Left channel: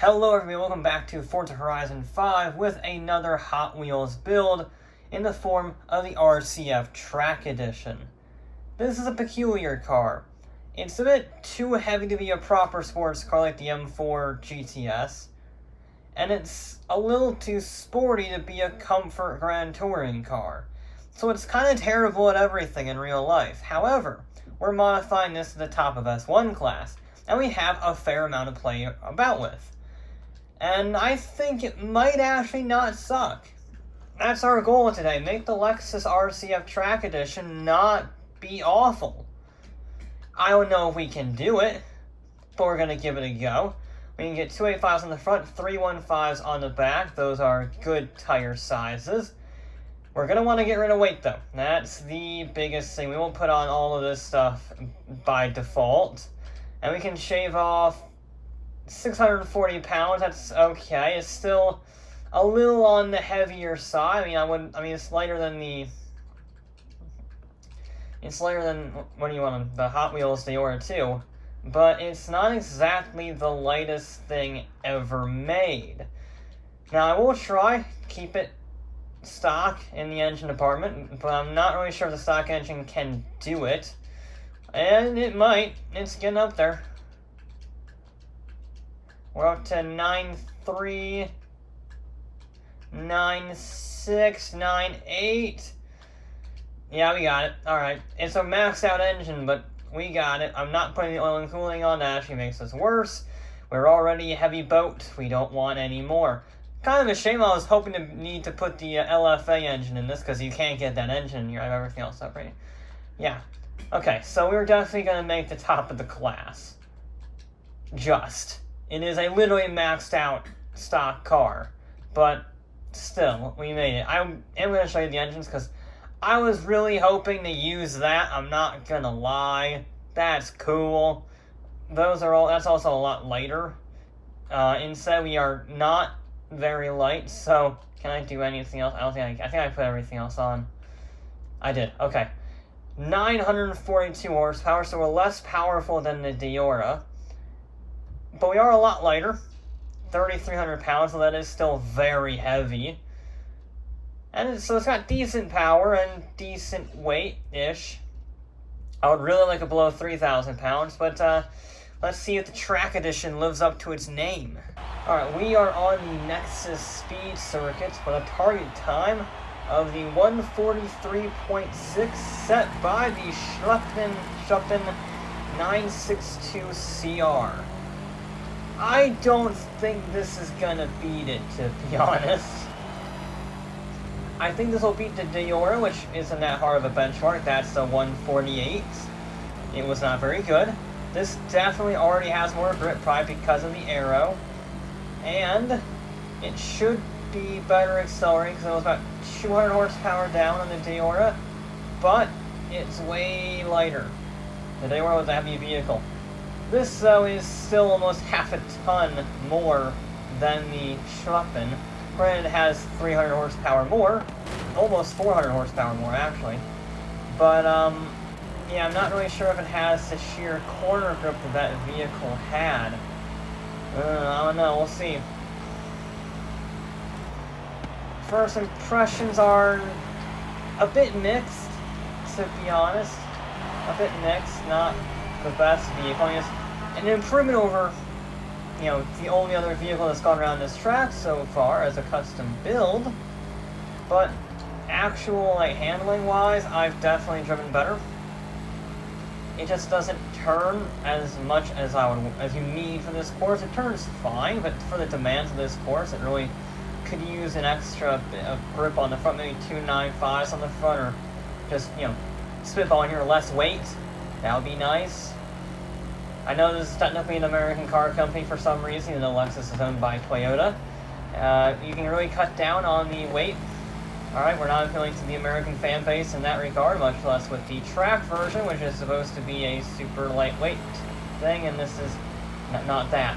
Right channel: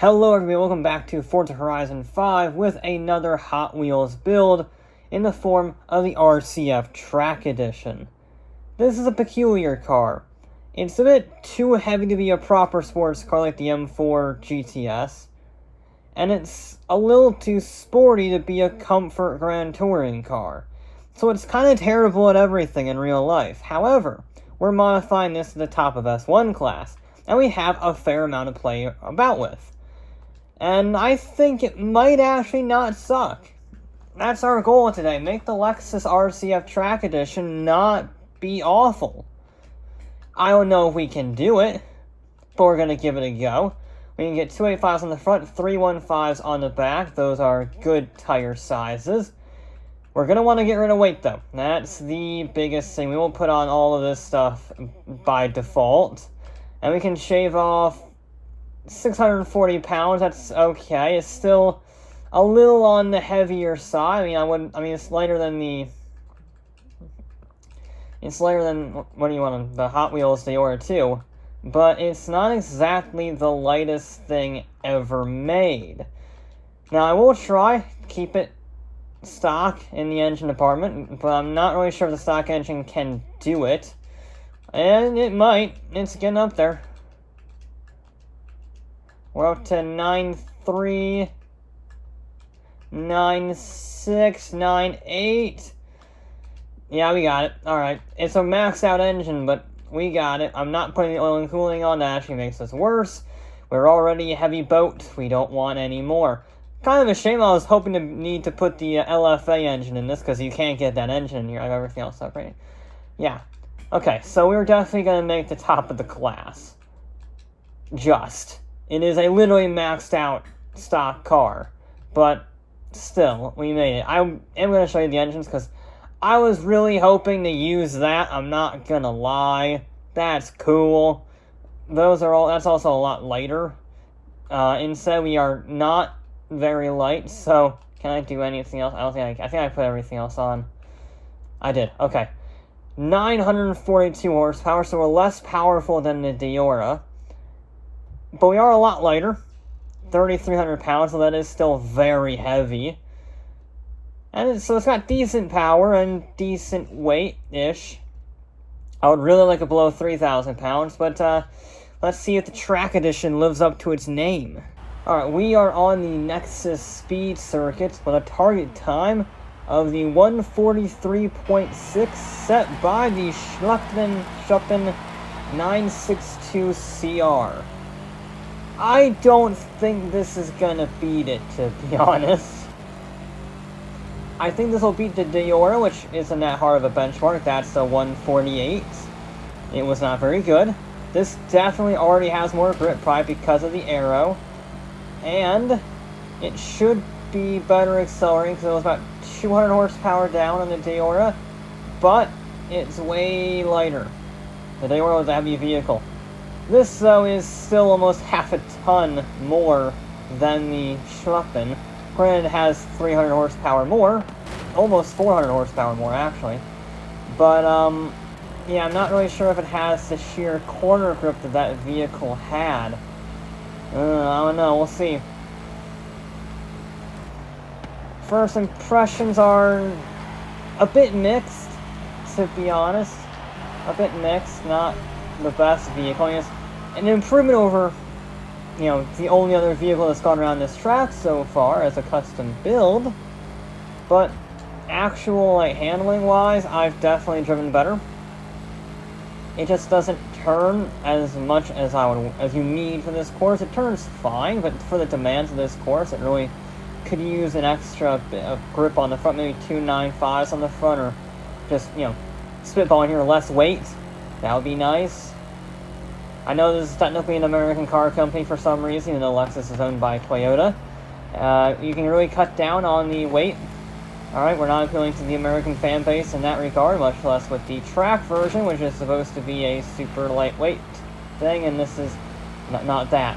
Hello everybody, welcome back to Forza Horizon 5 with another Hot Wheels build in the form of the RCF Track Edition. This is a peculiar car. It's a bit too heavy to be a proper sports car like the M4 GTS, and it's a little too sporty to be a comfort Grand Touring car. So it's kind of terrible at everything in real life. However, we're modifying this to the top of S1 class, and we have a fair amount to play about with. And I think it might actually not suck. That's our goal today. Make the LEXUS RCF Track Edition not be awful. I don't know if we can do it, but we're going to give it a go. We can get 285s on the front, 315s on the back. Those are good tire sizes. We're going to want to get rid of weight, though. That's the biggest thing. We will put on all of this stuff by default. And we can shave off 640 pounds, that's okay. It's still a little on the heavier side. It's lighter than what do you want, the Hot Wheels Diora 2, but it's not exactly the lightest thing ever made. Now, I will try keep it stock in the engine department, but I'm not really sure if the stock engine can do it. And it might. It's getting up there. We're up to 9.3, 9.6, 9.8. Yeah, we got it. Alright. It's a maxed out engine, but we got it. I'm not putting the oil and cooling on. That actually makes us worse. We're already a heavy boat. We don't want any more. Kind of a shame. I was hoping to need to put the LFA engine in this, because you can't get that engine in here. I have everything else up, right? Yeah. Okay, so we're definitely going to make the top of the class. It is a literally maxed out stock car, but still, we made it. I am going to show you the engines because I was really hoping to use that. I'm not going to lie. That's cool. That's also a lot lighter. Instead, we are not very light, so can I do anything else? I think I put everything else on. I did. Okay. 942 horsepower, so we're less powerful than the Diora. But we are a lot lighter, 3,300 pounds, so that is still very heavy. And so it's got decent power and decent weight-ish. I would really like it below 3,000 pounds, but let's see if the Track Edition lives up to its name. Alright, we are on the LEXUS Speed Circuit with a target time of the 143.6 set by the Schuppen 962 CR. I don't think this is gonna beat it, to be honest. I think this will beat the Diora, which isn't that hard of a benchmark. That's the 148. It was not very good. This definitely already has more grip, probably because of the aero. And it should be better accelerating, because it was about 200 horsepower down on the Diora. But it's way lighter. The Diora was a heavy vehicle. This, though, is still almost half a ton more than the Schuppen. Granted, it has 300 horsepower more. Almost 400 horsepower more, actually. But, yeah, I'm not really sure if it has the sheer corner grip that vehicle had. I don't know, we'll see. First impressions are a bit mixed, to be honest. A bit mixed, not the best vehicle. It's an improvement over, the only other vehicle that's gone around this track so far as a custom build. But actual, handling-wise, I've definitely driven better. It just doesn't turn as much as you need for this course. It turns fine, but for the demands of this course, it really could use an extra bit of grip on the front, maybe 295s on the front, or just, spitballing here, less weight. That would be nice. I know this is technically an American car company for some reason, even though LEXUS is owned by Toyota. You can really cut down on the weight. Alright, we're not appealing to the American fan base in that regard, much less with the track version, which is supposed to be a super lightweight thing, and this is not that.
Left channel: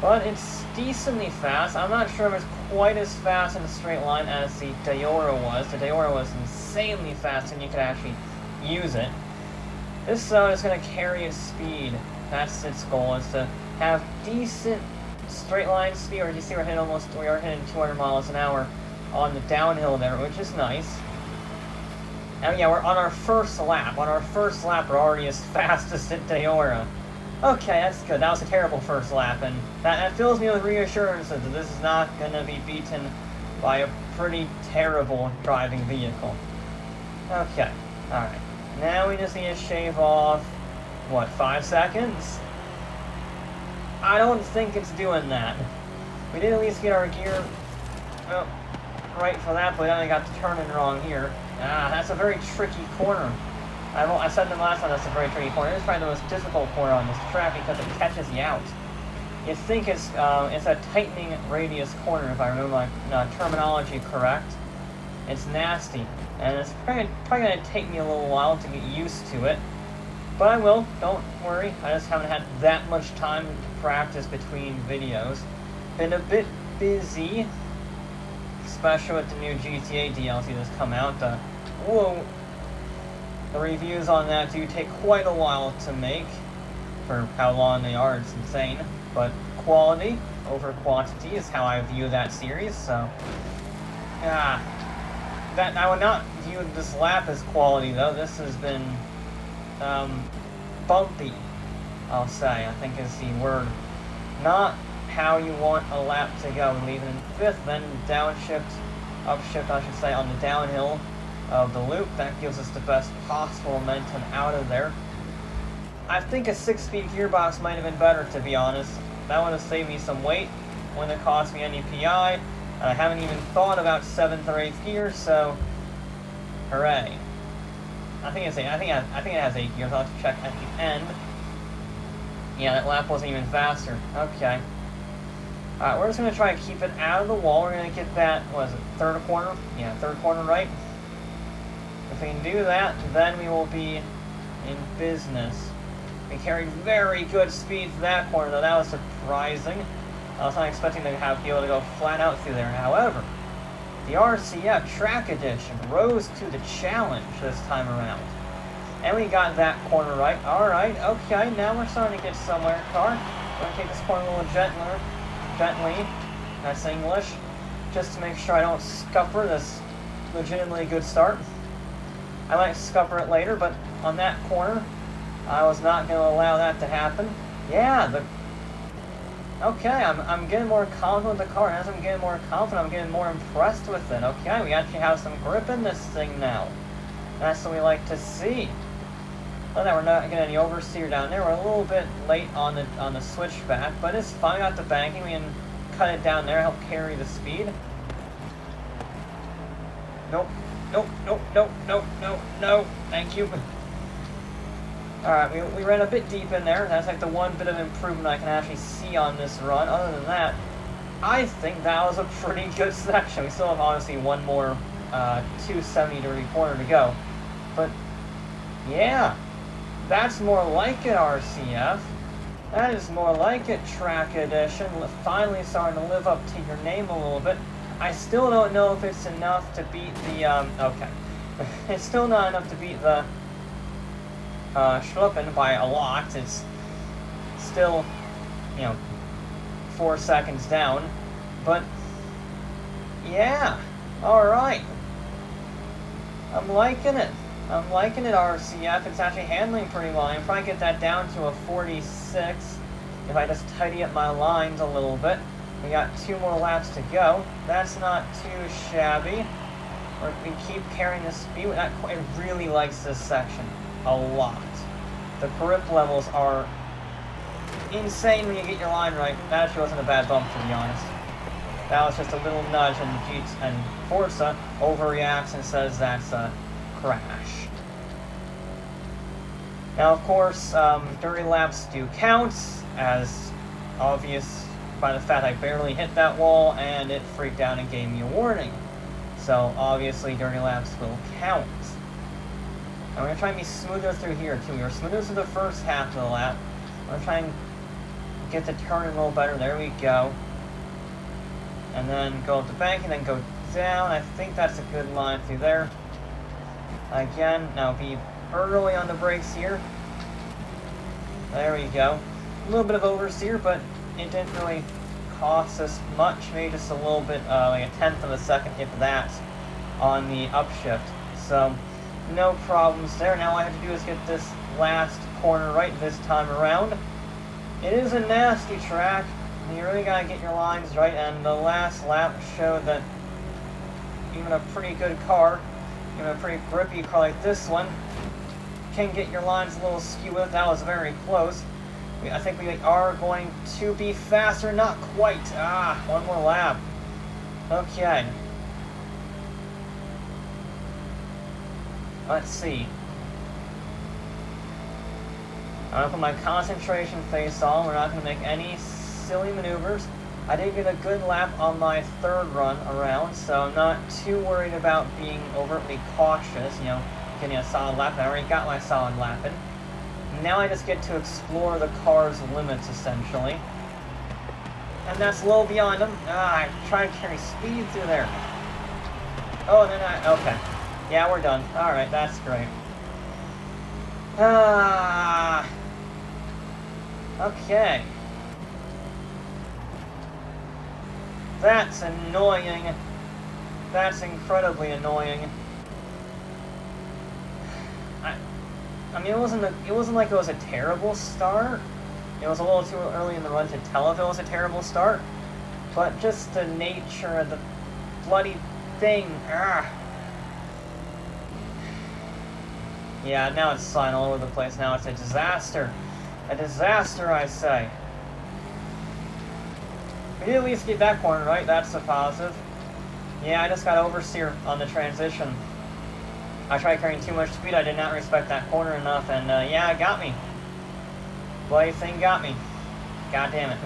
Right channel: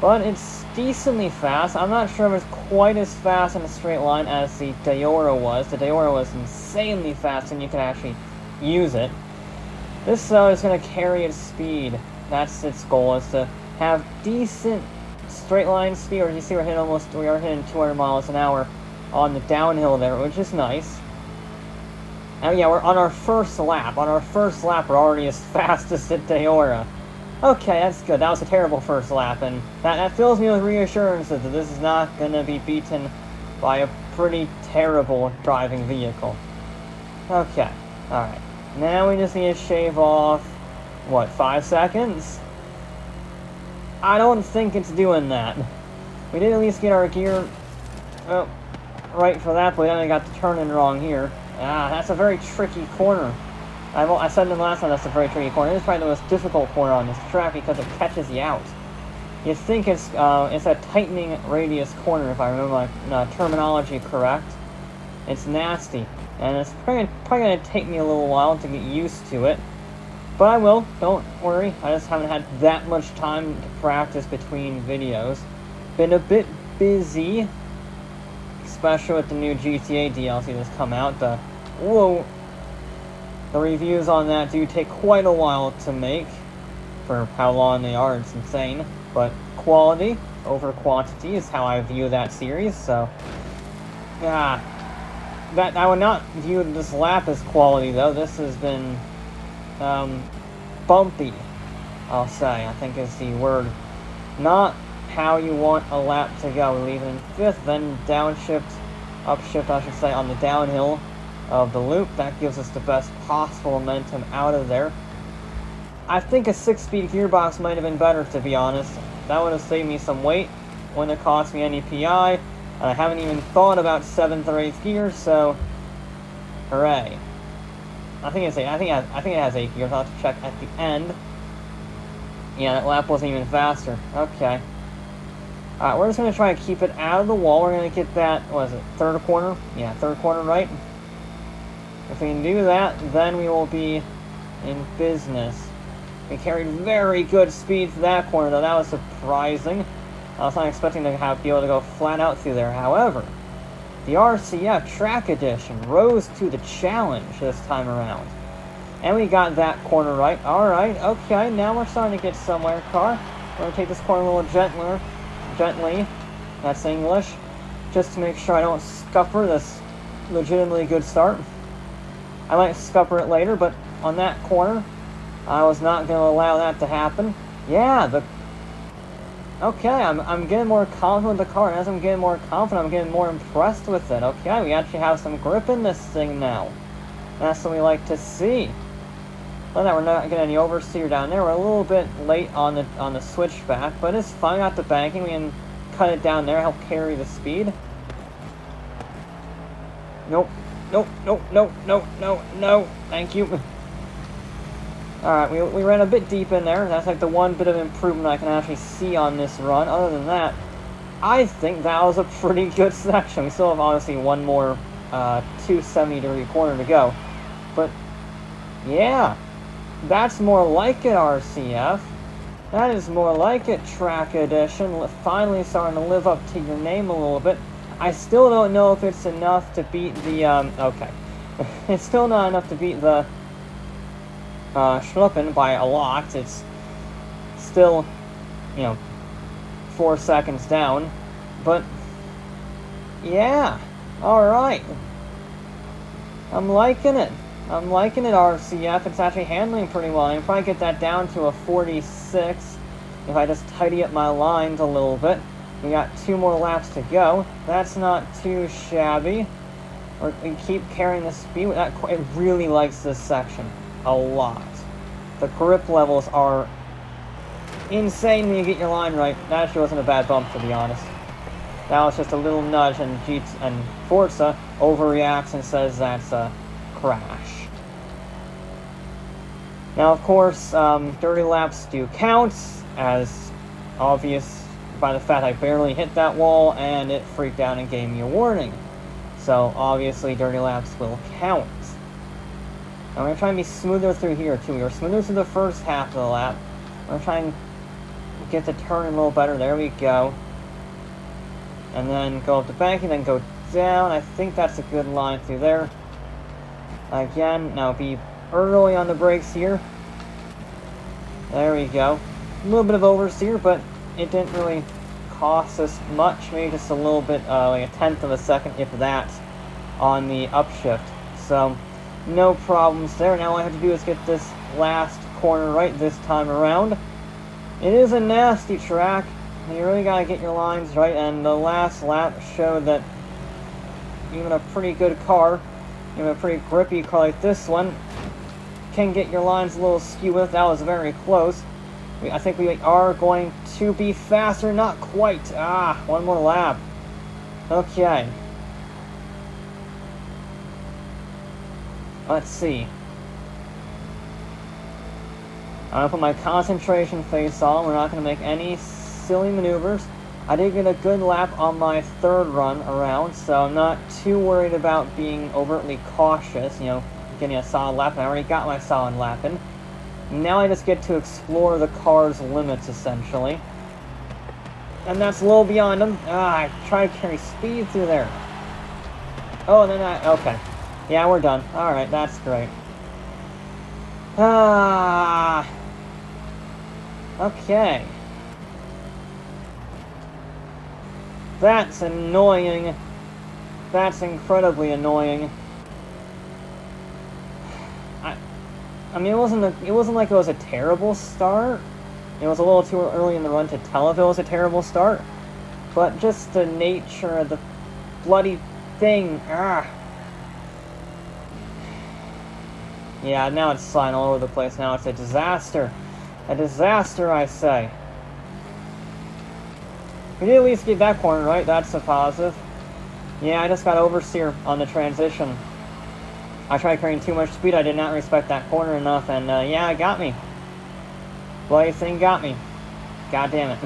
But it's decently fast. I'm not sure if it's quite as fast in a straight line as the Diora was. The Diora was insanely fast, and you can actually use it. This, though, is going to carry its speed That's its goal, is to have decent straight line speed. Or you see, we are hitting 200 miles an hour on the downhill there, which is nice. And yeah, we're on our first lap. On our first lap, we're already as fast as at Deora. Okay, that's good. That was a terrible first lap, and that fills me with reassurance that this is not going to be beaten by a pretty terrible driving vehicle. Okay, alright. Now we just need to shave off, what, 5 seconds? I don't think it's doing that. We did at least get our gear right for that, but then I got the turning wrong here. Ah, that's a very tricky corner. I said it last time, that's a very tricky corner. It's probably the most difficult corner on this track because it catches you out. You'd think it's a tightening radius corner, if I remember my terminology correct. It's nasty, and it's probably going to take me a little while to get used to it. But I will, don't worry. I just haven't had that much time to practice between videos. Been a bit busy, especially with the new GTA DLC that's come out. The reviews on that do take quite a while to make, for how long they are. It's insane. But quality over quantity is how I view that series, so yeah. That I would not view this lap as quality, though. This has been bumpy, I'll say, I think is the word. Not how you want a lap to go. Leaving 5th, then downshift, upshift, I should say, on the downhill of the loop. That gives us the best possible momentum out of there. I think a 6-speed gearbox might have been better, to be honest. That would have saved me some weight. Wouldn't have cost me any PI. And I haven't even thought about 7th or 8th gear, so hooray. I think it has 8 gears. I'll have to check at the end. Yeah, that lap wasn't even faster. Okay. Alright, we're just going to try to keep it out of the wall. We're going to get that, what is it, 3rd corner? Yeah, 3rd corner right. If we can do that, then we will be in business. We carried very good speed to that corner, though. That was surprising. I was not expecting to be able to go flat out through there. However, the RCF Track Edition rose to the challenge this time around. And we got that corner right. Alright, okay, now we're starting to get somewhere, car. I'm going to take this corner a little gently. That's English. Just to make sure I don't scupper this legitimately good start. I might scupper it later, but on that corner, I was not going to allow that to happen. Yeah, okay, I'm getting more confident with the car, and as I'm getting more confident, I'm getting more impressed with it. Okay, we actually have some grip in this thing now. That's what we like to see. Well, now we're not getting any oversteer down there. We're a little bit late on the switchback, but it's fine. We got the banking. We can cut it down there, help carry the speed. Nope. No. Thank you. Alright, we ran a bit deep in there. That's like the one bit of improvement I can actually see on this run. Other than that, I think that was a pretty good section. We still have obviously one more 270-degree corner to go. But, yeah, that's more like it, RCF. That is more like it, Track Edition. Finally starting to live up to your name a little bit. I still don't know if it's enough to beat the, okay. It's still not enough to beat the Schluppen by a lot. It's still, 4 seconds down. But, yeah, alright. I'm liking it. RCF. It's actually handling pretty well. I can probably get that down to a 46 if I just tidy up my lines a little bit. We got 2 more laps to go. That's not too shabby. We keep carrying the speed. It really likes this section a lot. The grip levels are insane when you get your line right. That actually wasn't a bad bump, to be honest. That was just a little nudge, and Forza overreacts and says that's a crash. Now, of course, dirty laps do count, as obvious by the fact I barely hit that wall and it freaked out and gave me a warning. So, obviously, dirty laps will count. I'm going to try and be smoother through here, too. We were smoother through the first half of the lap. I'm going to try and get the turn a little better. There we go. And then go up the banking, then go down. I think that's a good line through there. Again, now be early on the brakes here. There we go. A little bit of oversteer, but it didn't really cost us much. Maybe just a little bit, like a tenth of a second, if that, on the upshift. So, no problems there. Now all I have to do is get this last corner right this time around. It is a nasty track. You really gotta get your lines right, and the last lap showed that even a pretty good car, even a pretty grippy car like this one, can get your lines a little skewed. That was very close. I think we are going to be faster. Not quite. One more lap. Okay. Let's see. I'll put my concentration face on. We're not going to make any silly maneuvers. I did get a good lap on my third run around, so I'm not too worried about being overtly cautious, you know, getting a solid lap. I already got my solid lap in. Now I just get to explore the car's limits, essentially. And that's a little beyond them. I tried to carry speed through there. Oh, and then okay. Yeah, we're done. Alright, that's great. Okay. That's annoying. That's incredibly annoying. I mean, it wasn't like it was a terrible start. It was a little too early in the run to tell if it was a terrible start. But just the nature of the bloody thing. Yeah, now it's sliding all over the place. Now it's a disaster. A disaster, I say. We did at least get that corner right. That's a positive. Yeah, I just got oversteer on the transition. I tried carrying too much speed. I did not respect that corner enough, and yeah, it got me. Bloody thing got me. God damn it.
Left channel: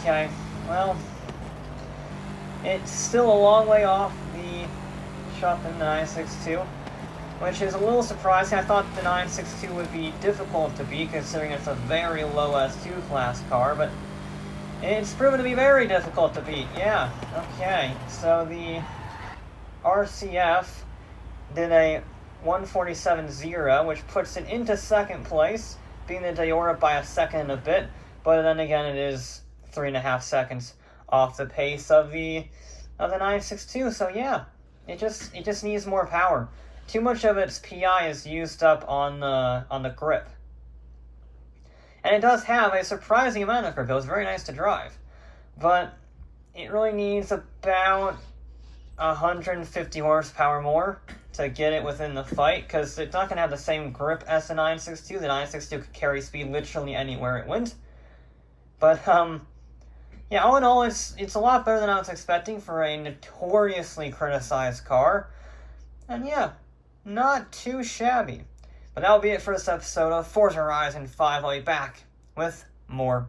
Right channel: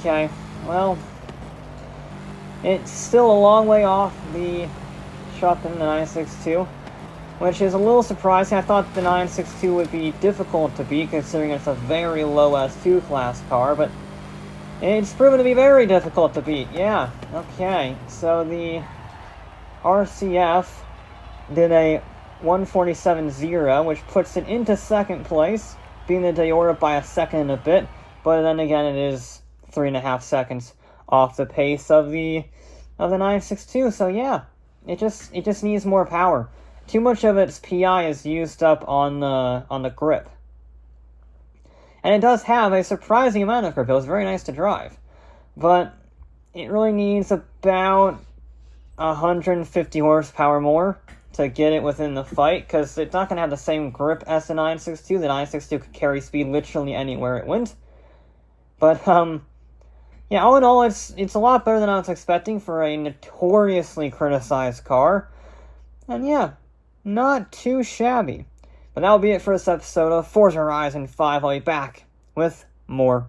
Okay. Well, it's still a long way off the Shuffin 962, which is a little surprising. I thought the 962 would be difficult to beat, considering it's a very low S2 class car, but it's proven to be very difficult to beat. Yeah. Okay. So the RCF did a 147.0, which puts it into second place, beating the Diora by a second and a bit. But then again, it is 3.5 seconds off the pace of the 962. So yeah, it just needs more power. Too much of its PI is used up on the grip. And it does have a surprising amount of grip. It was very nice to drive. But it really needs about 150 horsepower more to get it within the fight, because it's not going to have the same grip as the 962. The 962 could carry speed literally anywhere it went. But, yeah, all in all, it's a lot better than I was expecting for a notoriously criticized car. And yeah, not too shabby. But that'll be it for this episode of Forza Horizon 5. I'll be back with more